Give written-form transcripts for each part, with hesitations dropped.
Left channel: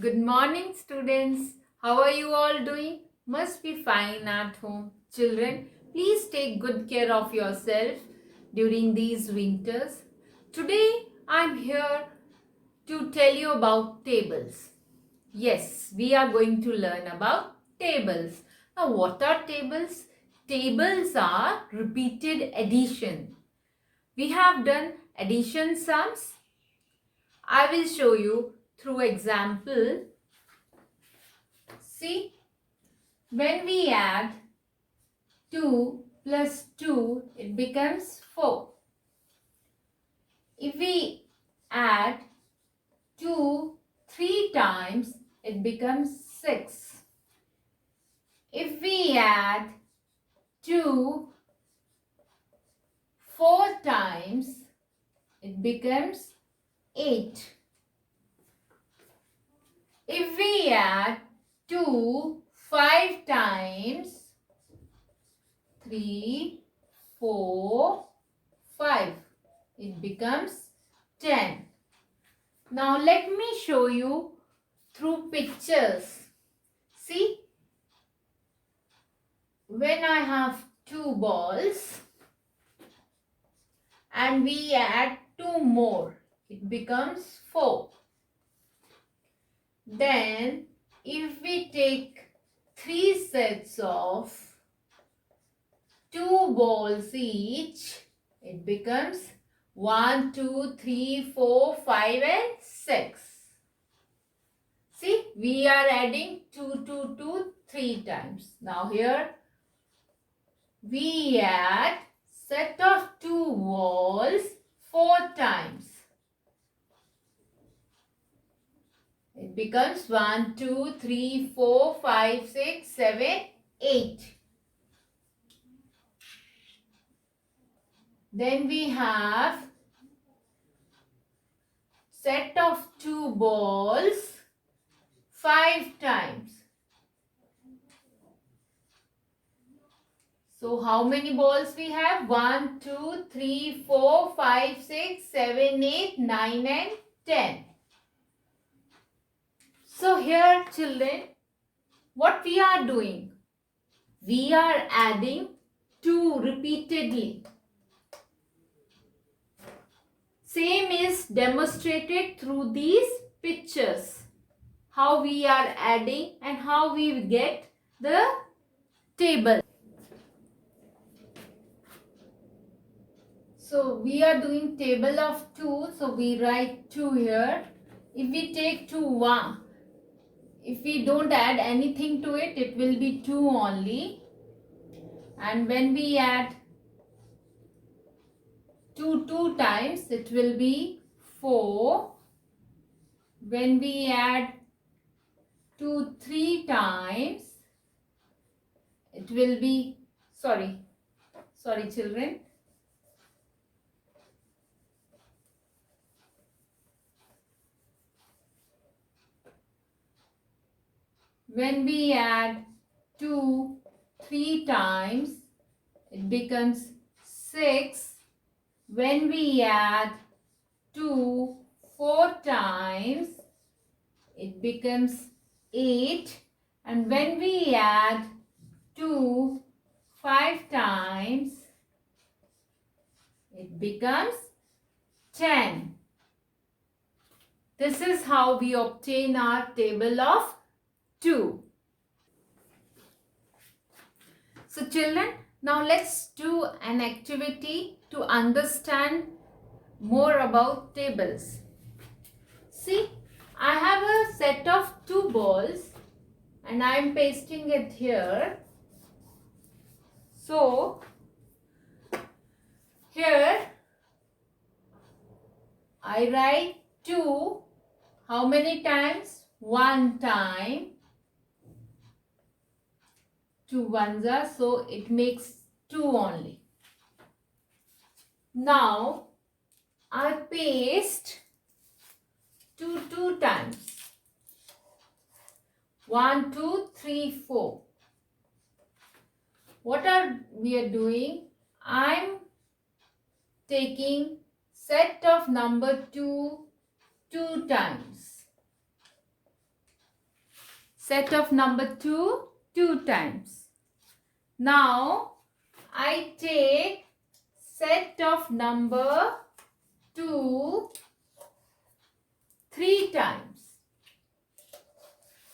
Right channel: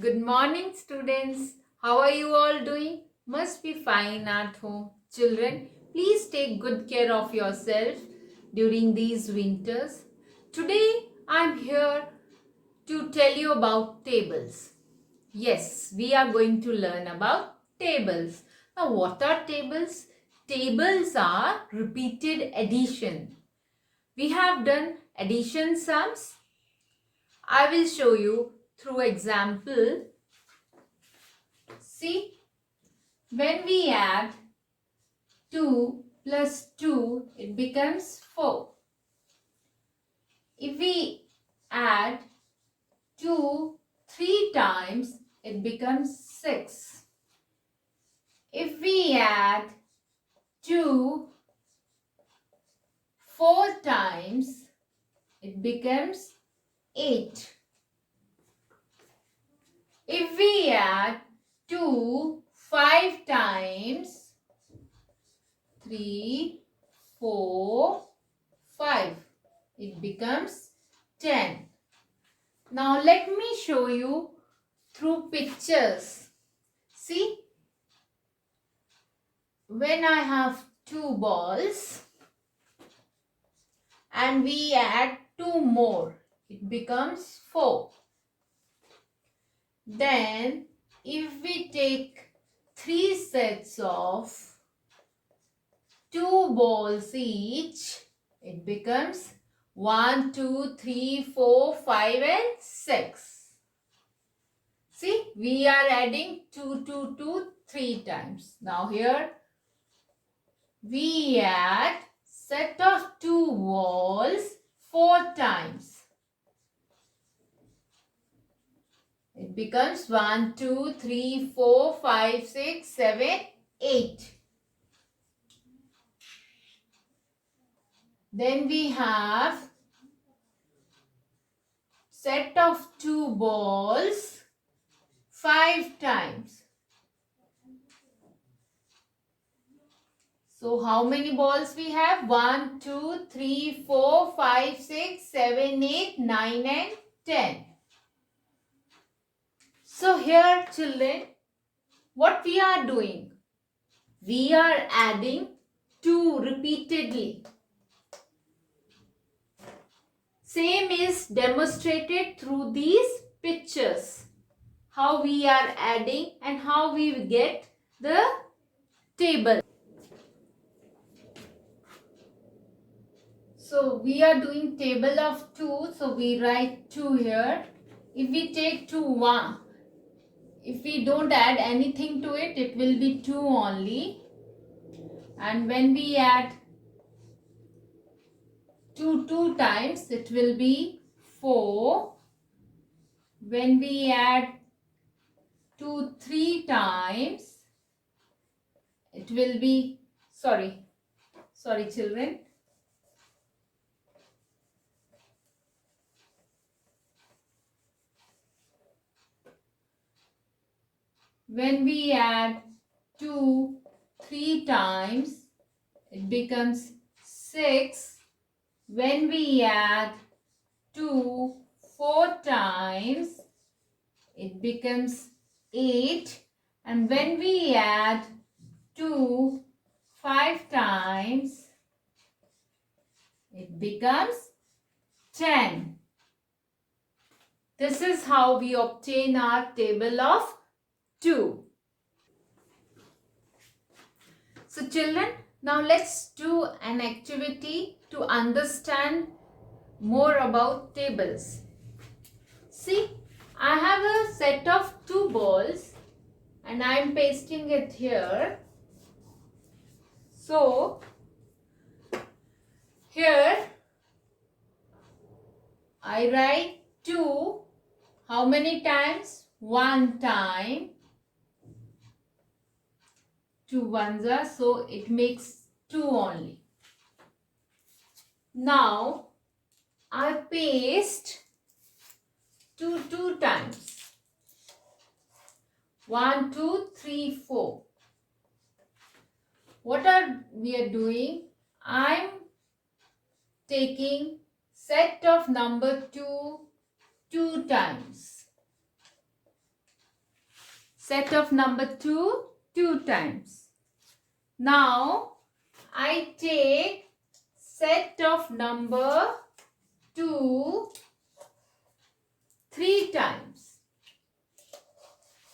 Good morning, students. How are you all doing? Must be fine at home. Children, please take good care of yourself during these winters. Today, I'm here to tell you about tables. Yes, we are going to learn about tables. Now, what are tables? Tables are repeated addition. We have done addition sums. I will show you through example. See, when we add 2 plus 2, it becomes 4. If we add 2 3 times, it becomes 6. If we add 2 4 times, it becomes 8. If we add 2 5 times, 3, 4, 5. It becomes 10. Now let me show you through pictures. See, when I have 2 balls and we add 2 more, it becomes 4. Then if we take 3 sets of 2 balls each, it becomes 1, 2, 3, 4, 5 and 6. See, we are adding 2, 2, 2, 3 times. Now here we add set of 2 balls 4 times. It becomes 1, 2, 3, 4, 5, 6, 7, 8. Then we have set of 2 balls 5 times. So how many balls we have? 1, 2, 3, 4, 5, 6, 7, 8, 9 and 10. So here children, what we are doing? We are adding 2 repeatedly. Same is demonstrated through these pictures. How we are adding and how we get the table. So we are doing table of 2. So we write 2 here. If we take 2, 1. If we don't add anything to it, it will be 2 only. And when we add 2 times, it will be 4. When we add 2 3 times, it will be, sorry children. When we add 2 3 times, it becomes 6. When we add 2 4 times, it becomes 8. And when we add 2 5 times, it becomes 10. This is how we obtain our table of 2. So children, now let's do an activity to understand more about tables. See, I have a set of 2 balls and I am pasting it here. So here I write 2. How many times? 1 time. 2 ones are, so it makes 2 only. Now I paste 2 times. 1, 2, 3, 4. What are we are doing? I'm taking set of number 2 2 times. set of number 2 2 times. Now I take set of number 2 3 times.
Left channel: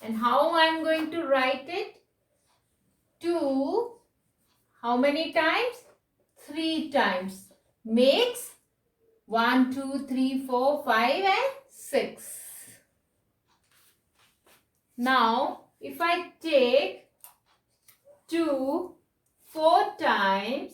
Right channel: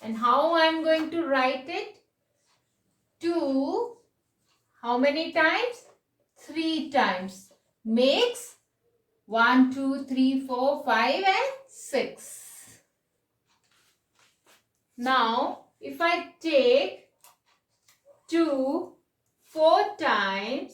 And how I am going to write it? 2, how many times? 3 times. Makes 1, 2, 3, 4, 5 and 6. Now, if I take 2 4 times,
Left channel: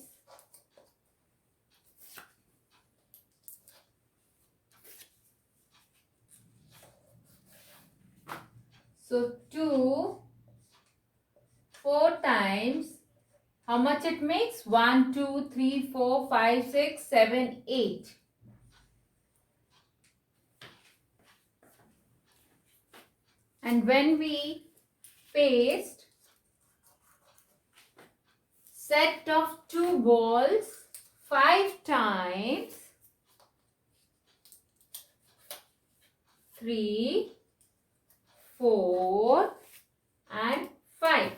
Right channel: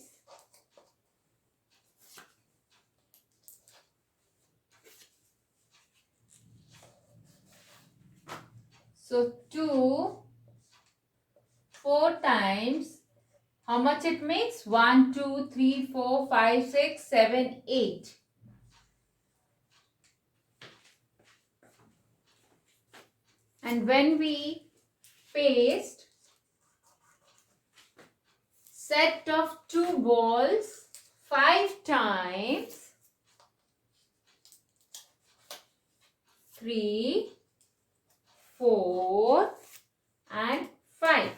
so 2 4 times, how much it makes? 1, 2, 3, 4, 5, 6, 7, 8. And when we paste set of 2 balls 5 times, 3, 4 and 5.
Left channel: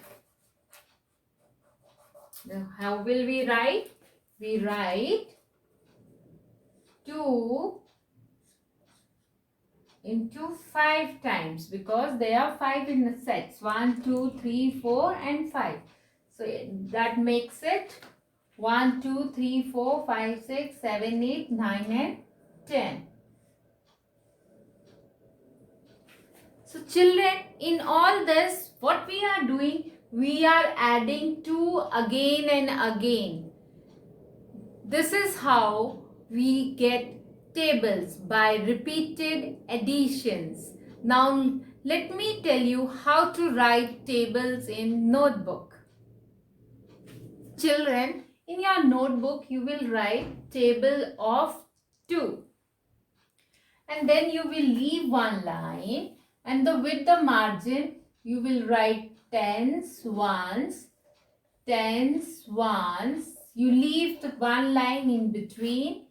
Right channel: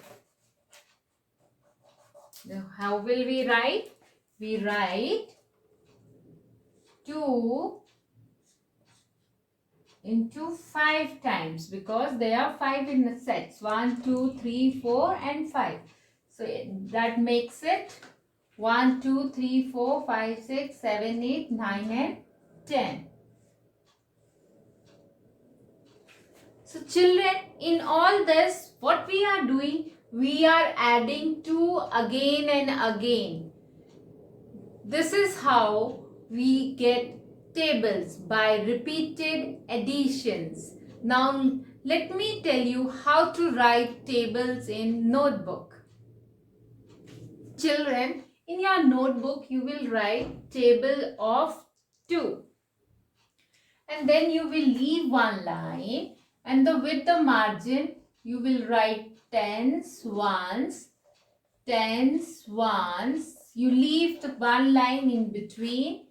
Now how will we write? We write 2 into 5 times because there are 5 in the sets. 1, 2, 3, 4 and 5. So that makes it 1, 2, 3, 4, 5, 6, 7, 8, 9 and 10. So children, in all this, what we are doing? We are adding 2 again and again. This is how we get tables, by repeated additions. Now let me tell you how to write tables in notebook. Children, in your notebook you will write table of 2. And then you will leave one line, and with the margin you will write tens, ones, tens, ones. You leave the one line in between,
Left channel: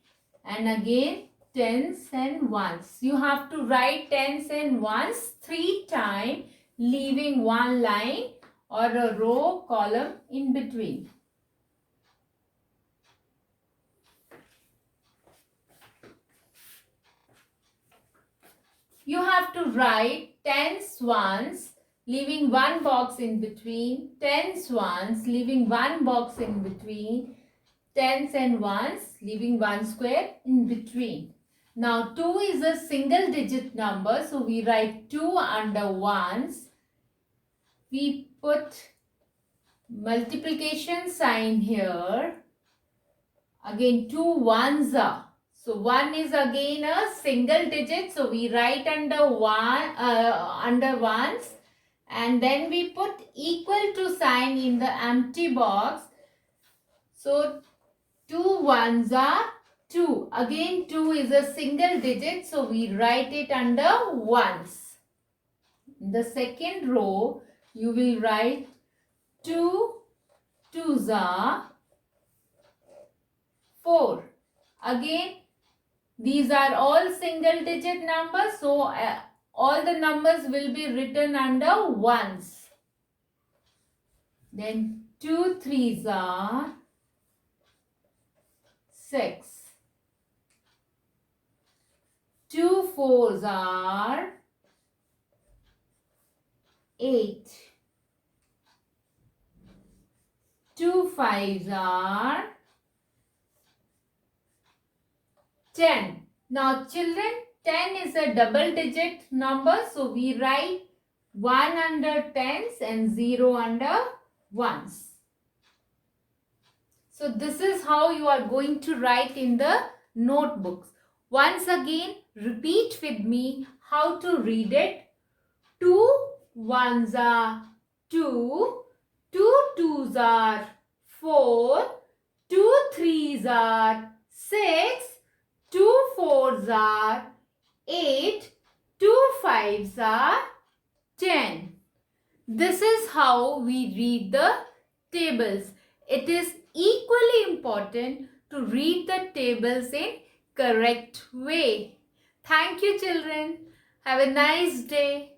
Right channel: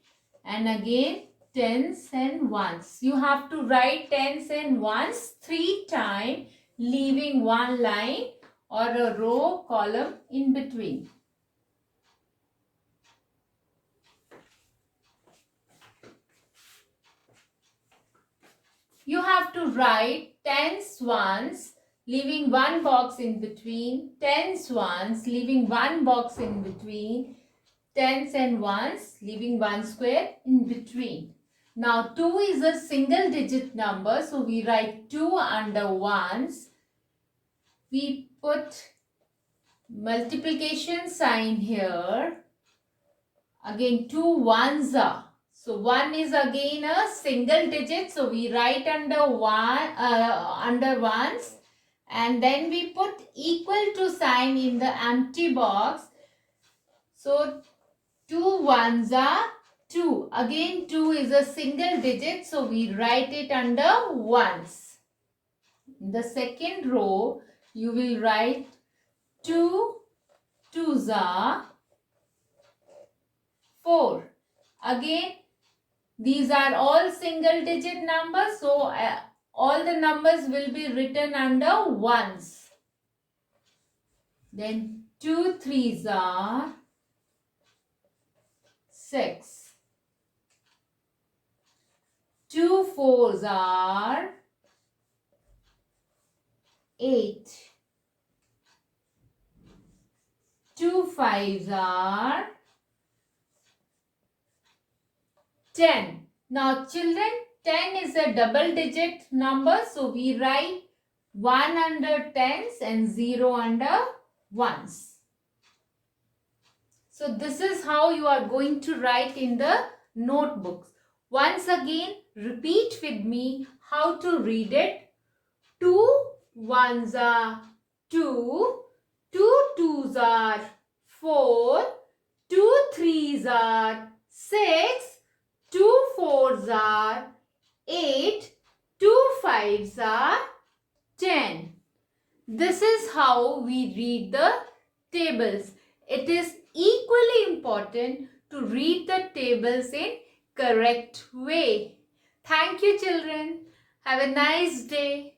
and again tens and ones. You have to write tens and ones 3 times, leaving one line or a row column in between. You have to write tens, ones, leaving one box in between, tens, ones, leaving one box in between, tens and ones, leaving one square in between. Now 2 is a single digit number, so we write 2 under ones. We put multiplication sign here. Again 2 ones are. So 1 is again a single digit, so we write under ones, and then we put equal to sign in the empty box. So 2 ones are 2. Again 2 is a single digit, so we write it under ones. In the second row, you will write 2 twos are 4. Again, these are all single digit numbers, so all the numbers will be written under ones. Then 2 threes are 6. 2 fours are 8. 2 fives are 10. Now children, 10 is a double digit number, so we write 1 under tens and 0 under ones. So this is how you are going to write in the notebooks. Once again, repeat with me how to read it. 2 ones are 2, 2 twos are 4, 2 threes are 6, 2 fours are 8, 2 fives are 10. This is how we read the tables. It is equally important to read the tables in correct way. Thank you children. Have a nice day.